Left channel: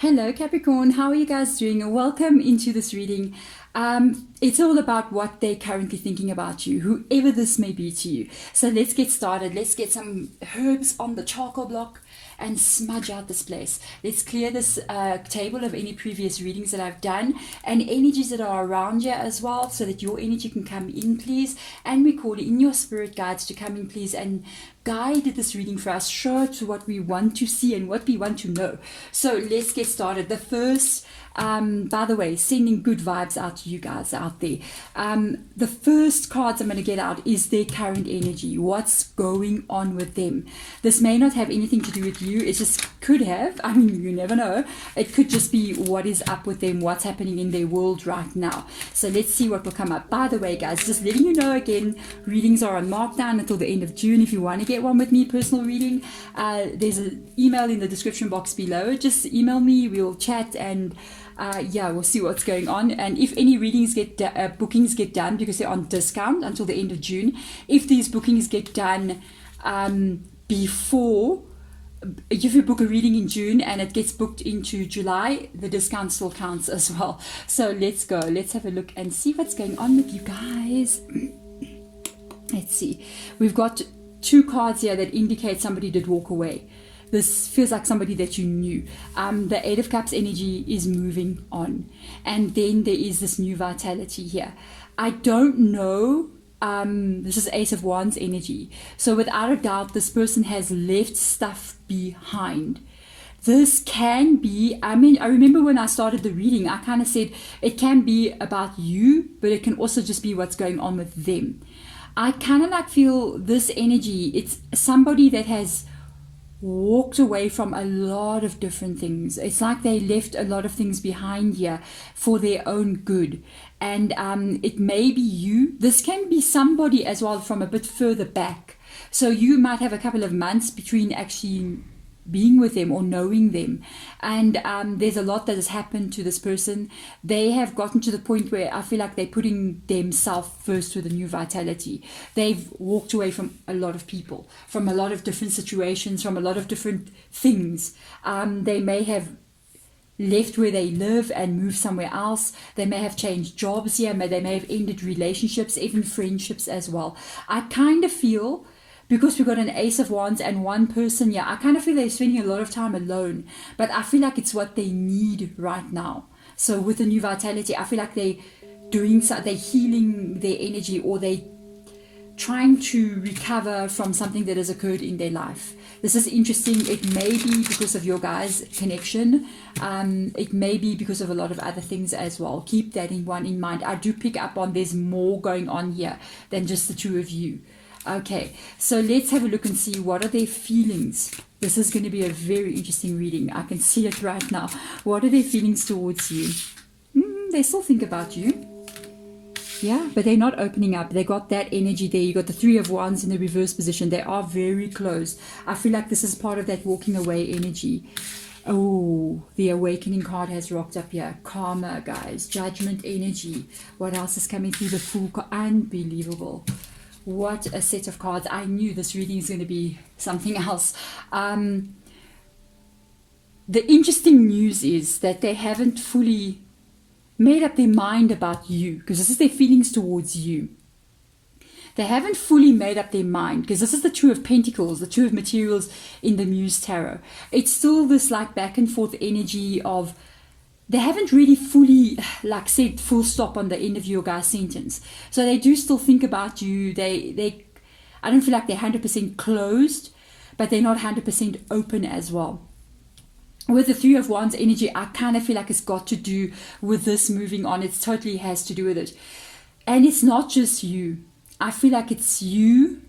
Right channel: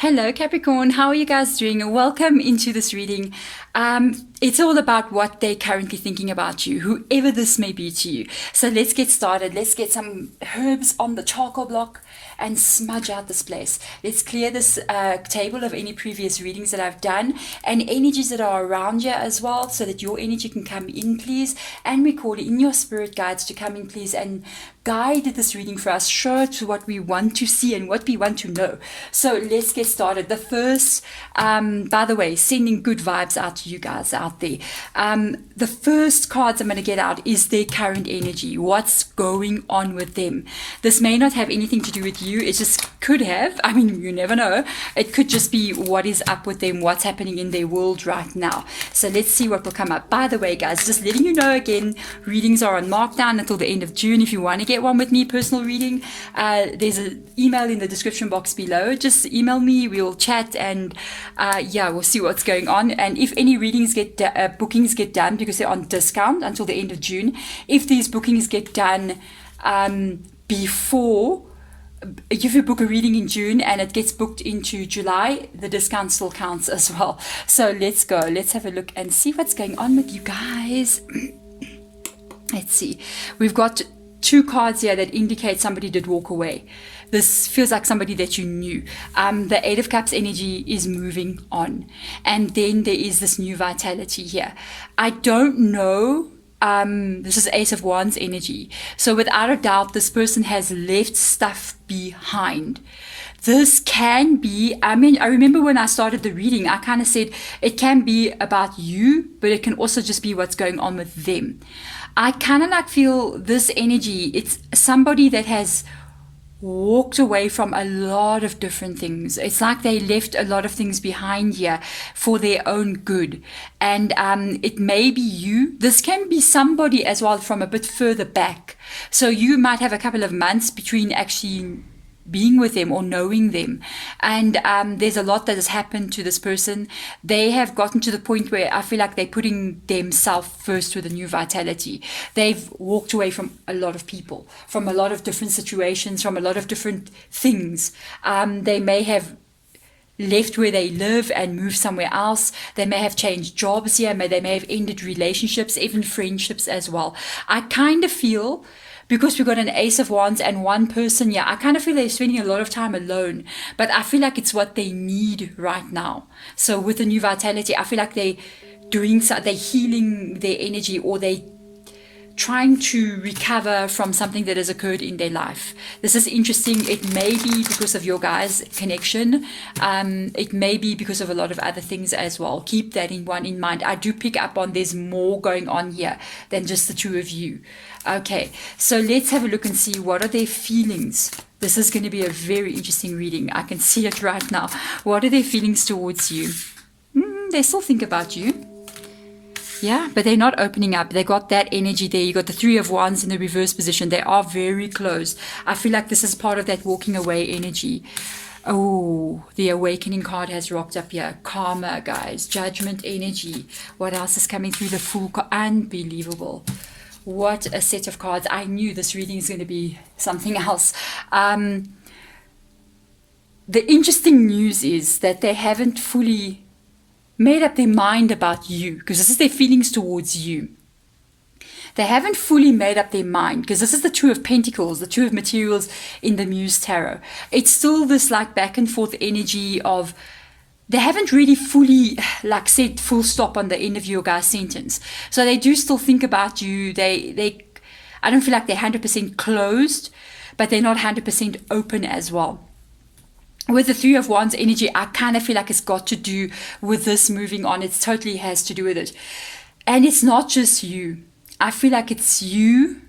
Hello, Capricorn. How are you guys doing? Welcome into this reading. It's all about what they're currently thinking about you, whoever this may be to you. So let's get started. Let's get some herbs on the charcoal block and smudge out this place. Let's clear this table of any previous readings that I've done and energies that are around you as well, so that your energy can come in, please. And we call in your spirit guides to come in, please, and guide this reading for us, show to what we want to see and what we want to know. So let's get started. The first, by the way, sending good vibes out to you guys out there. The first cards I'm going to get out is their current energy. What's going on with them? This may not have anything to do with you. It just could have. I mean, you never know. It could just be what is up with them, what's happening in their world right now. So let's see what will come up. By the way, guys, just letting you know again, readings are on markdown until the end of June. If you want to get one with me, personal reading, there's an email in the description box below. Just email me, we'll chat, and we'll see what's going on. And if any readings bookings get done, because they're on discount until the end of June, if these bookings get done before, if you book a reading in June and it gets booked into July, the discount still counts as well. So let's go. Let's have a look and see what's going on with you guys. Let's see. We've got two cards here that indicate somebody did walk away. This feels like somebody that you knew. The Eight of Cups energy is moving on. And then there is this new vitality here. I don't know. This is Ace of Wands energy. So without a doubt, this person has left stuff behind. This can be, I remember when I started the reading, I kind of said it can be about you, but it can also just be what's going on with them. I kind of like feel this energy, it's somebody that has walked away from a lot of different things. It's like they left a lot of things behind here for their own good. And it may be you. This can be somebody as well from a bit further back. So you might have a couple of months between actually being with them or knowing them, and there's a lot that has happened to this person. They have gotten to the point where I feel like they're putting themselves first with a new vitality. They've walked away from a lot of people, from a lot of different situations, from a lot of different things. They may have left where they live and moved somewhere else. They may have changed jobs here. They may have ended relationships, even friendships as well. I kind of feel, because we've got an Ace of Wands and one person, I kind of feel they're spending a lot of time alone, but I feel like it's what they need right now. So with the new vitality, I feel like they're healing their energy, or they trying to recover from something that has occurred in their life. This is interesting. It may be because of your guys' connection. It may be because of a lot of other things as well. Keep that in mind. I do pick up on there's more going on here than just the two of you. Okay, so let's have a look and see what are their feelings. This is going to be a very interesting reading. I can see it right now. What are their feelings towards you? They still think about you. Yeah, but they're not opening up. They got that energy there. You got the Three of Wands in the reverse position. They are very close. I feel like this is part of that walking away energy. Oh, the awakening card has rocked up here. Karma, guys. Judgment energy. What else is coming through? The Fool card? Unbelievable. What a set of cards. I knew this reading is going to be something else. The interesting news is that they haven't fully made up their mind about you, because this is their feelings towards you. They haven't fully made up their mind, because this is the Two of Pentacles, the Two of Materials in the Muse Tarot. It's still this like back and forth energy of, they haven't really fully like said full stop on the end of your guys' sentence. So they do still think about you. I don't feel like they're 100% closed, but they're not 100% open as well. With the Three of Wands energy, I kind of feel like it's got to do with this moving on. It totally has to do with it. And it's not just you. I feel like it's you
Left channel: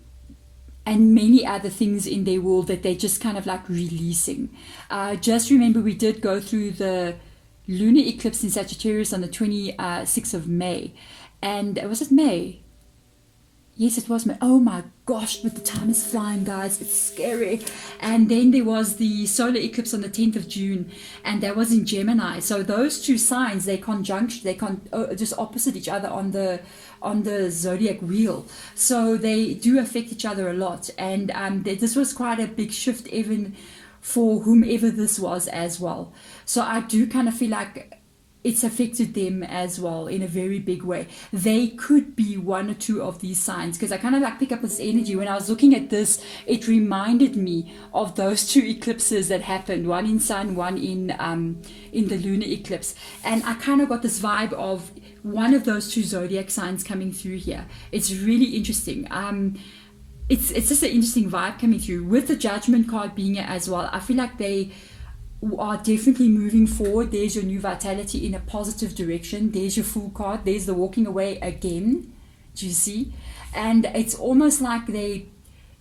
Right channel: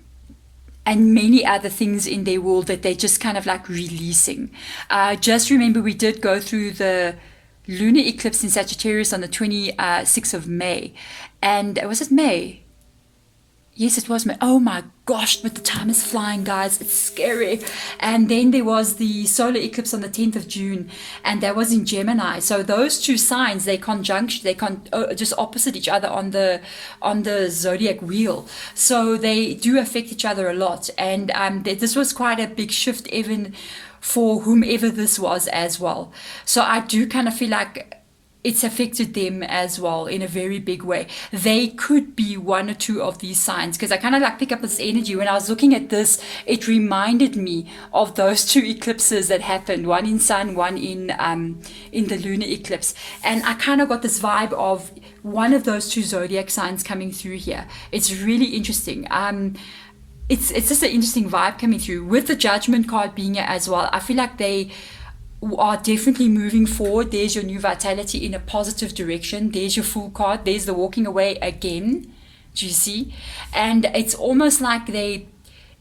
and many other things in their world that they're just kind of like releasing. Just remember, we did go through the lunar eclipse in Sagittarius on the 26th of May. And was it May? Yes, it was May. Oh my gosh, but the time is flying, guys. It's scary. And then there was the solar eclipse on the 10th of June, and that was in Gemini. So those two signs, they just opposite each other on the zodiac wheel. So they do affect each other a lot. And this was quite a big shift even for whomever this was as well. So I do kind of feel like it's affected them as well in a very big way. They could be one or two of these signs, because I kind of like pick up this energy. When I was looking at this, it reminded me of those two eclipses that happened, one in sun, one in the lunar eclipse. And I kind of got this vibe of one of those two zodiac signs coming through here. It's really interesting. It's just an interesting vibe coming through with the Judgment card being here as well. I feel like they are definitely moving forward. There's your new vitality in a positive direction. There's your Fool card. There's the walking away again. Do you see? And it's almost like they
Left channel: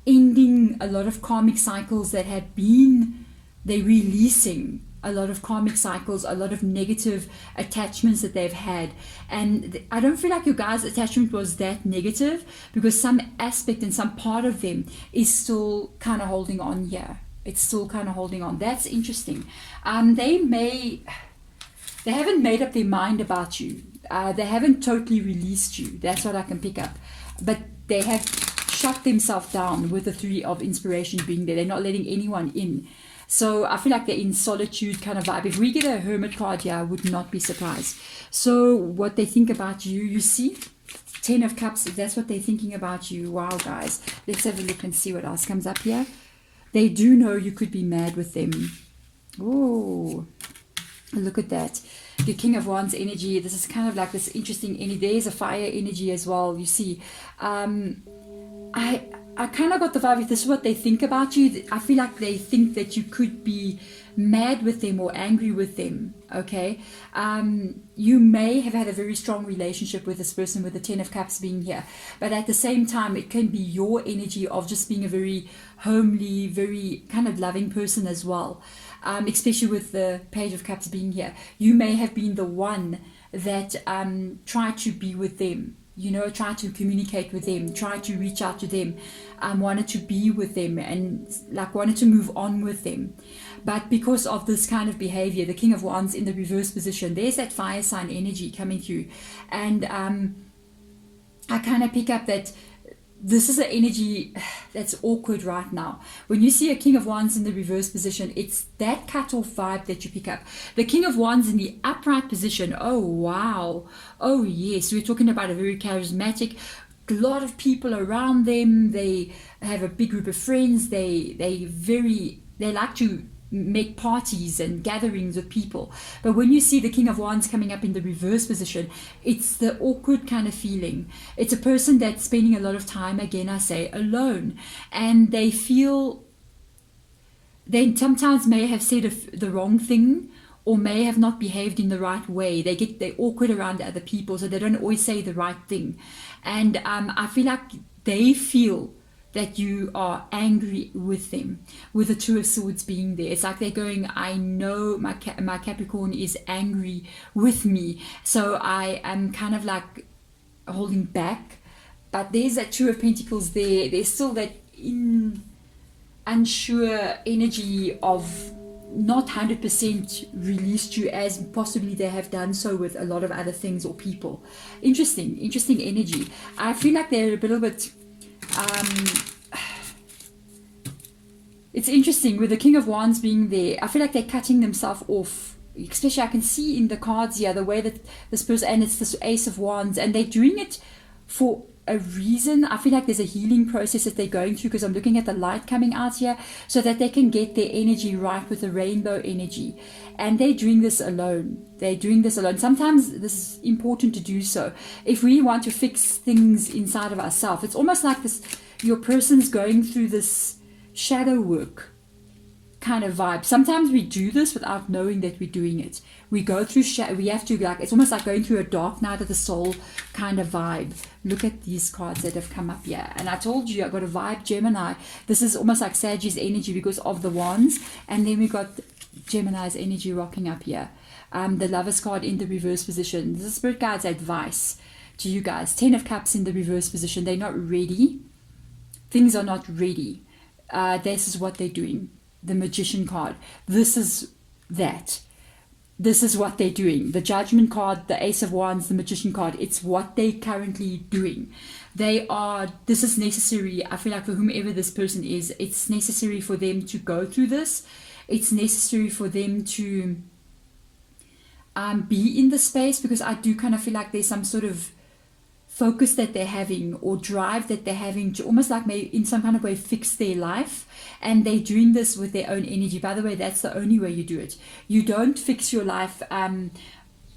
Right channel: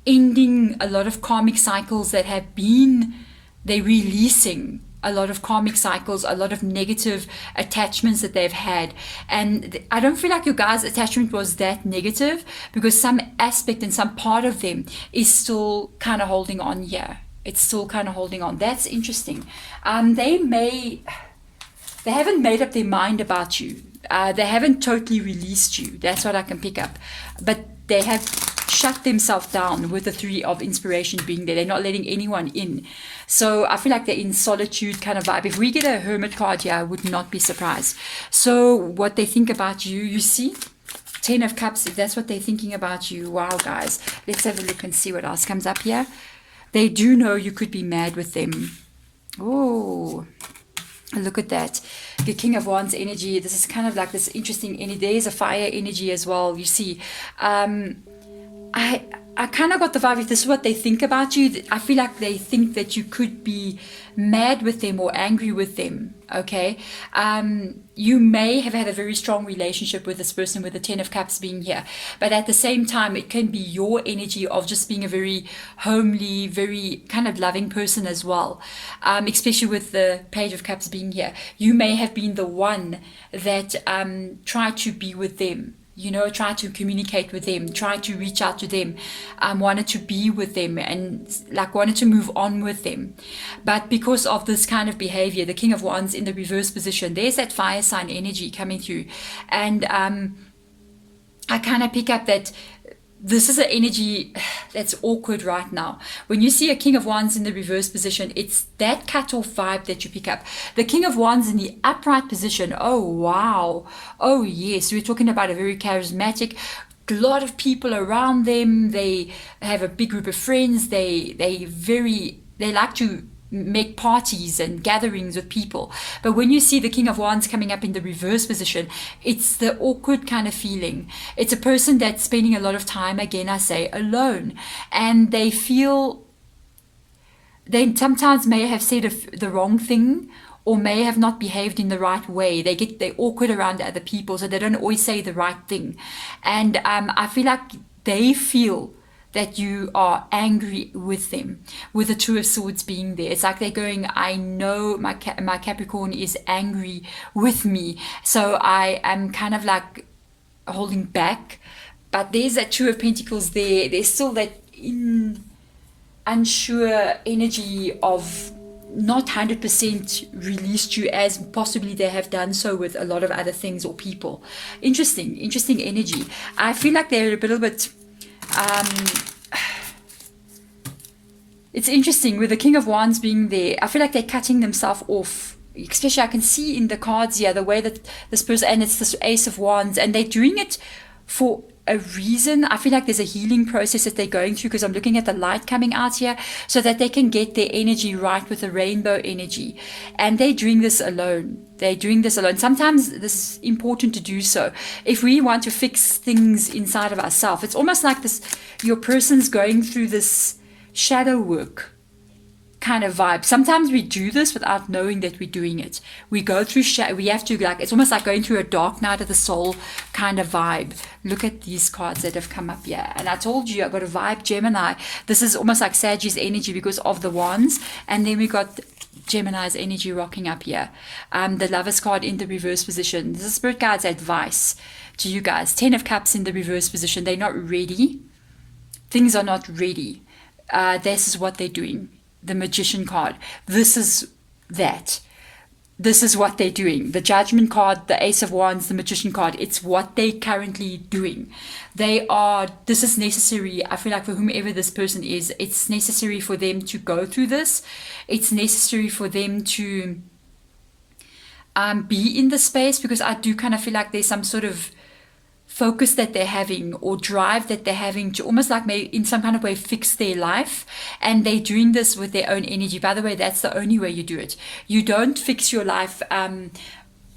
ending a lot of karmic cycles that have been, they're releasing a lot of karmic cycles, a lot of negative attachments that they've had. And I don't feel like your guys' attachment was that negative, because some aspect and some part of them is still kind of holding on here. It's still kind of holding on. That's interesting. They haven't made up their mind about you. They haven't totally released you. That's what I can pick up. But they have shut themselves down with the Three of Inspiration being there. They're not letting anyone in. So I feel like they're in solitude kind of vibe. If we get a Hermit card here, I would not be surprised. So what they think about you, you see? 10 of Cups, if that's what they're thinking about you. Wow, guys. Let's have a look and see what else comes up here. They do know you could be mad with them. Oh, look at that. The King of Wands energy. This is kind of like this interesting energy. There is a fire energy as well, you see. I kind of got the vibe, if this is what they think about you, I feel like they think that you could be mad with them or angry with them, okay? You may have had a very strong relationship with this person, with the 10 of Cups being here, but at the same time, it can be your energy of just being a very homely, very kind of loving person as well, especially with the Page of Cups being here. You may have been the one that tried to be with them, you know, try to communicate with them, try to reach out to them, wanted to be with them, and like wanted to move on with them. But because of this kind of behavior, the King of Wands in the reverse position, there's that fire sign energy coming through. And I kind of pick up that this is an energy that's awkward right now. When you see a King of Wands in the reverse position, it's that cut-off vibe that you pick up. The King of Wands in the upright position, oh wow, oh yes, we're talking about a very charismatic, a lot of people around them. They have a big group of friends. They like to make parties and gatherings with people. But when you see the King of Wands coming up in the reverse position, it's the awkward kind of feeling. It's a person that's spending a lot of time, again I say, alone, and they feel they sometimes may have said the wrong thing, or may have not behaved in the right way. They're awkward around other people, so they don't always say the right thing. And I feel like they feel that you are angry with them, with the Two of Swords being there. It's like they're going, I know my Capricorn is angry with me, so I am kind of like holding back. But there's that Two of Pentacles there. There's still that unsure energy of not 100% released you as possibly they have done so with a lot of other things or people. Interesting energy. I feel like they're a little bit it's interesting with the King of Wands being there. I feel like they're cutting themselves off, especially I can see in the cards here the way that this person, and it's this Ace of Wands, and they're doing it for a reason. I feel like there's a healing process that they're going through, because I'm looking at the light coming out here, so that they can get their energy right with the rainbow energy. And they're doing this alone. Sometimes this is important to do so. If we want to fix things inside of ourselves, it's almost like this, your person's going through this shadow work kind of vibe. Sometimes we do this without knowing that we're doing it. We go through we have to, like, it's almost like going through a dark night of the soul kind of vibe. Look at these cards that have come up here, and I told you I got a vibe Gemini. This is almost like Sagittarius energy because of the wands, and then we got Gemini's energy rocking up here. The Lovers card in the reverse position. This is Spirit Guide's advice to you guys. 10 of Cups in the reverse position. They're not ready. Things are not ready. This is what they're doing. The Magician card. This is that. this is what they're doing. The Judgment card, the Ace of Wands, the Magician card, it's what they're currently doing. This is necessary. I feel like for whomever this person is, it's necessary for them to go through this. It's necessary for them to be in the space, because I do kind of feel like there's some sort of focus that they're having or drive that they're having to almost like maybe in some kind of way fix their life, and they're doing this with their own energy. By the way, that's the only way you do it. You don't fix your life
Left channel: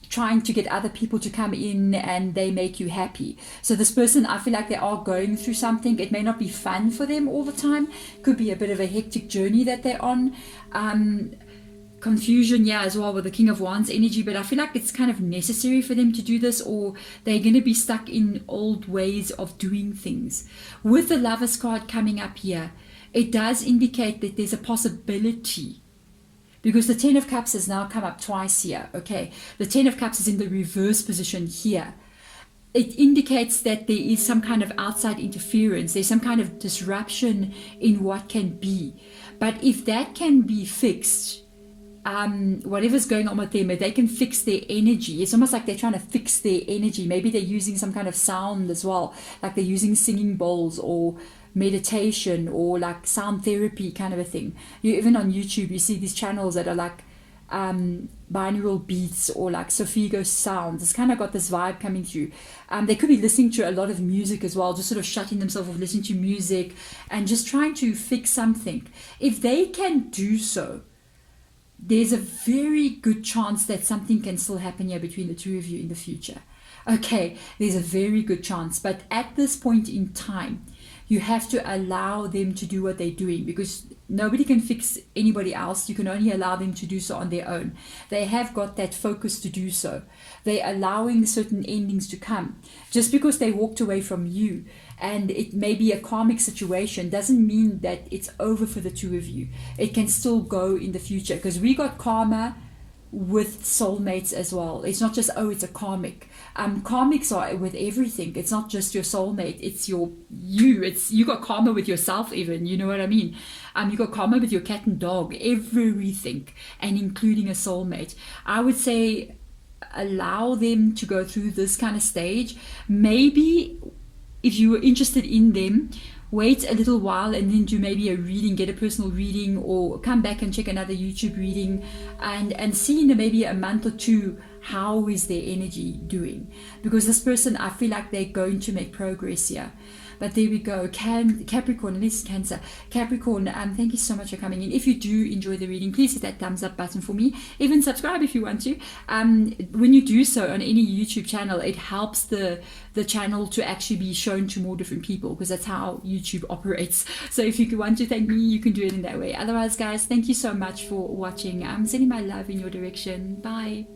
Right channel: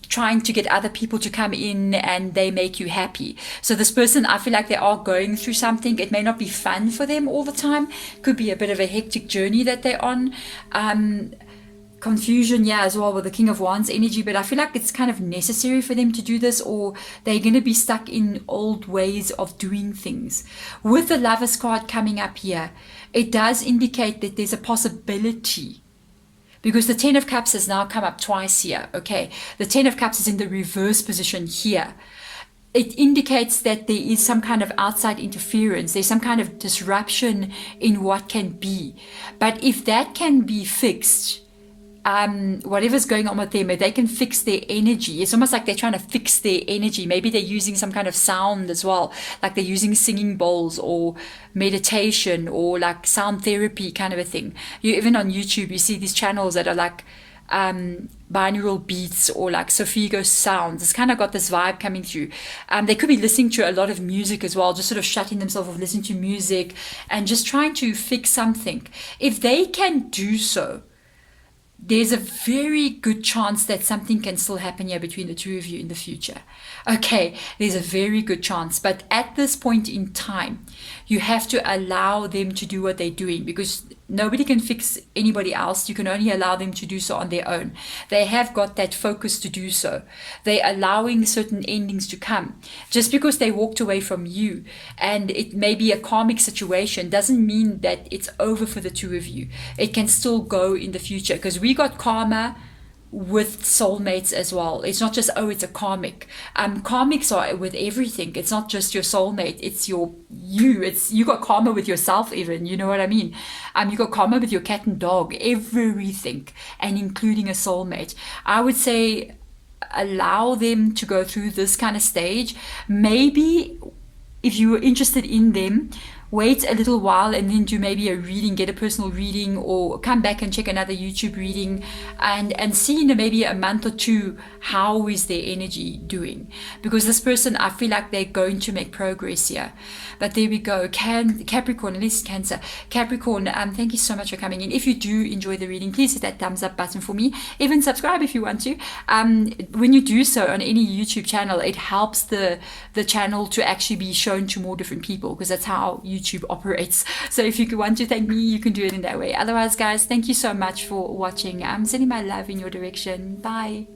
trying to get other people to come in and they make you happy. So this person, I feel like they are going through something. It may not be fun for them all the time. Could be a bit of a hectic journey that they're on. Confusion, yeah, as well, with the King of Wands energy, but I feel like it's kind of necessary for them to do this, or they're going to be stuck in old ways of doing things. With the Lovers card coming up here, it does indicate that there's a possibility, because the Ten of Cups has now come up twice here. Okay, the Ten of Cups is in the reverse position here. It indicates that there is some kind of outside interference. There's some kind of disruption in what can be. But if that can be fixed, whatever's going on with them, if they can fix their energy, it's almost like they're trying to fix their energy. Maybe they're using some kind of sound as well, like they're using singing bowls or meditation or like sound therapy kind of a thing. Even on YouTube, you see these channels that are like binaural beats or like Sophigo sounds. It's kind of got this vibe coming through. They could be listening to a lot of music as well, just sort of shutting themselves off, listening to music and just trying to fix something. If they can do so, there's a very good chance that something can still happen here between the two of you in the future. Okay, there's a very good chance. But at this point in time, you have to allow them to do what they're doing, because nobody can fix anybody else. You can only allow them to do so on their own. They have got that focus to do so. They're allowing certain endings to come. Just because they walked away from you and it may be a karmic situation doesn't mean that it's over for the two of you. It can still go in the future, because we got karma with soulmates as well. It's not just, oh, it's a karmic. Karmics are with everything. It's not just your soulmate, it's you got karma with yourself even, you know what I mean? You got karma with your cat and dog, everything, and including a soulmate. I would say allow them to go through this kind of stage. Maybe if you were interested in them, wait a little while and then do maybe a reading, get a personal reading, or come back and check another YouTube reading and see in maybe a month or two, how is their energy doing? Because this person, I feel like they're going to make progress here. But there we go. Capricorn, at least Cancer. Capricorn, thank you so much for coming in. If you do enjoy the reading, please hit that thumbs up button for me. Even subscribe if you want to. When you do so on any YouTube channel, it helps the channel to actually be shown to more different people, because that's how YouTube operates. So if you want to thank me, you can do it in that way. Otherwise, guys, thank you so much for watching. I'm sending my love in your direction. Bye.